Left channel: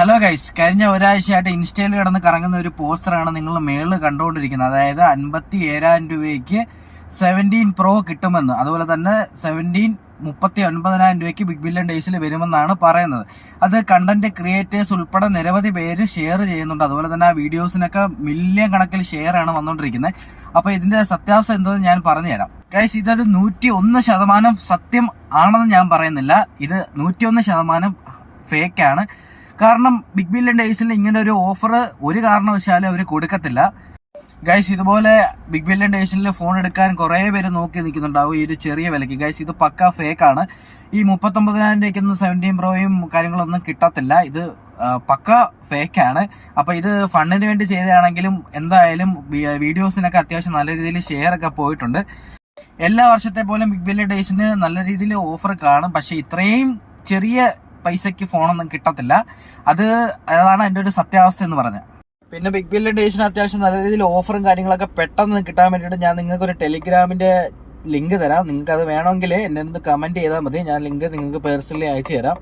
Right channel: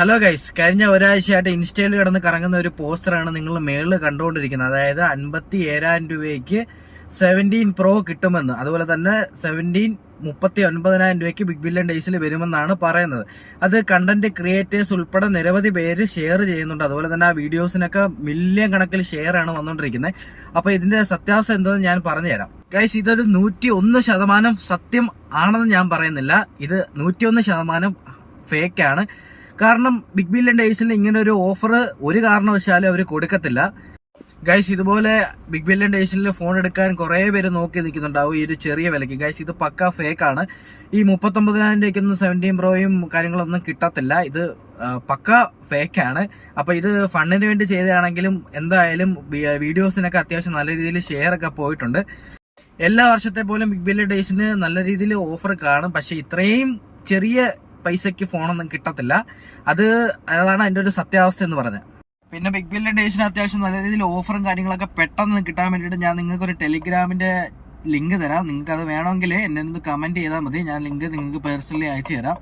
Hello guys, കഴിഞ്ഞ ഒരാഴ്ചയായിട്ട് ഇൻസ്റ്റയിൽ കിടന്ന് കറങ്ങുന്ന ഒരു പോസ്റ്ററാണ് നിങ്ങൾ മേളിൽ കണ്ടുകൊണ്ടിരിക്കുന്നത്. അതായത് 57,000 രൂപയ്ക്ക് 17 Pro കിട്ടുമെന്ന്, അതുപോലെ തന്നെ 39,000 രൂപയ്ക്ക് ബിഗ് ബില്യൺ ഡേയ്സിൽ വരുമെന്നാണ് പറയുന്നത്. അത് കണ്ടന്റ് ക്രിയേറ്റേഴ്സ് ഉൾപ്പെടെ നിരവധി പേര് ഷെയർ ചെയ്യുന്നുണ്ട്. അതുപോലെ തന്നെ ആ വീഡിയോസിനൊക്കെ മില്യൺ കണക്കിൽ ഷെയർ ആണ് വന്നുകൊണ്ടിരിക്കുന്നത്. അപ്പോൾ ഇതിന്റെ സത്യാവസ്ഥ എന്തെന്ന് ഞാൻ പറഞ്ഞുതരാം. ഗൈസ്, ഇതൊരു 101% സത്യം ആണെന്ന് ഞാൻ പറയുന്നില്ല. ഇത് 101% ഫേക്കാണ്. കാരണം ബിഗ് ബില്യൺ ഡേയ്സിൽ ഇങ്ങനെ ഒരു ഓഫർ ഒരു കാരണവശാലും അവർ കൊടുക്കത്തില്ല. ഗൈസ്, ഇതുപോലെ ബിഗ് ബില്യൺ ഡേയ്സിൽ ഫോൺ എടുക്കാൻ കുറേ പേര് നോക്കി നിൽക്കുന്നുണ്ടാവും ഈ ഒരു ചെറിയ വിലയ്ക്ക്. ഗൈസ്, ഇത് പക്ക ഫേക്കാണ്. ഈ 39,000 രൂപയ്ക്കൊന്നും 17 Proയും കാര്യങ്ങളൊന്നും കിട്ടത്തില്ല. ഇത് പക്ക ഫേക്കാണ്. അപ്പോൾ ഇത് ഫണ്ടിന് വേണ്ടി ചെയ്തതാണെങ്കിലും എന്തായാലും വീഡിയോസിനൊക്കെ അത്യാവശ്യം നല്ല രീതിയിൽ ഷെയർ ഒക്കെ പോയിട്ടുണ്ട്. എല്ലാ വർഷത്തെ പോലെ ബിഗ് ബില്യൺ ഡേയ്സിന് നല്ല രീതിയിൽ ഓഫർ കാണും. പക്ഷെ ഇത്രയും ചെറിയ പൈസയ്ക്ക് ഫോണൊന്നും കിട്ടത്തില്ല. അതാണ് അതിൻ്റെ ഒരു സത്യാവസ്ഥ എന്ന് പറഞ്ഞത്. പിന്നെ ബിഗ് ബില്യൺ ഡേയ്സിന് അത്യാവശ്യം നല്ല രീതിയിൽ ഓഫറും കാര്യങ്ങളൊക്കെ പെട്ടെന്ന് കിട്ടാൻ വേണ്ടിയിട്ട് ഞാൻ നിങ്ങൾക്ക് ഒരു ടെലിഗ്രാമിന്റെ ലിങ്ക് തരാം. നിങ്ങൾക്ക് അത് വേണമെങ്കിൽ എന്നെ ഒന്ന് കമന്റ് ചെയ്താൽ മതി. ഞാൻ ലിങ്ക് നിങ്ങൾക്ക് പേഴ്സണലി അയച്ചു തരാം.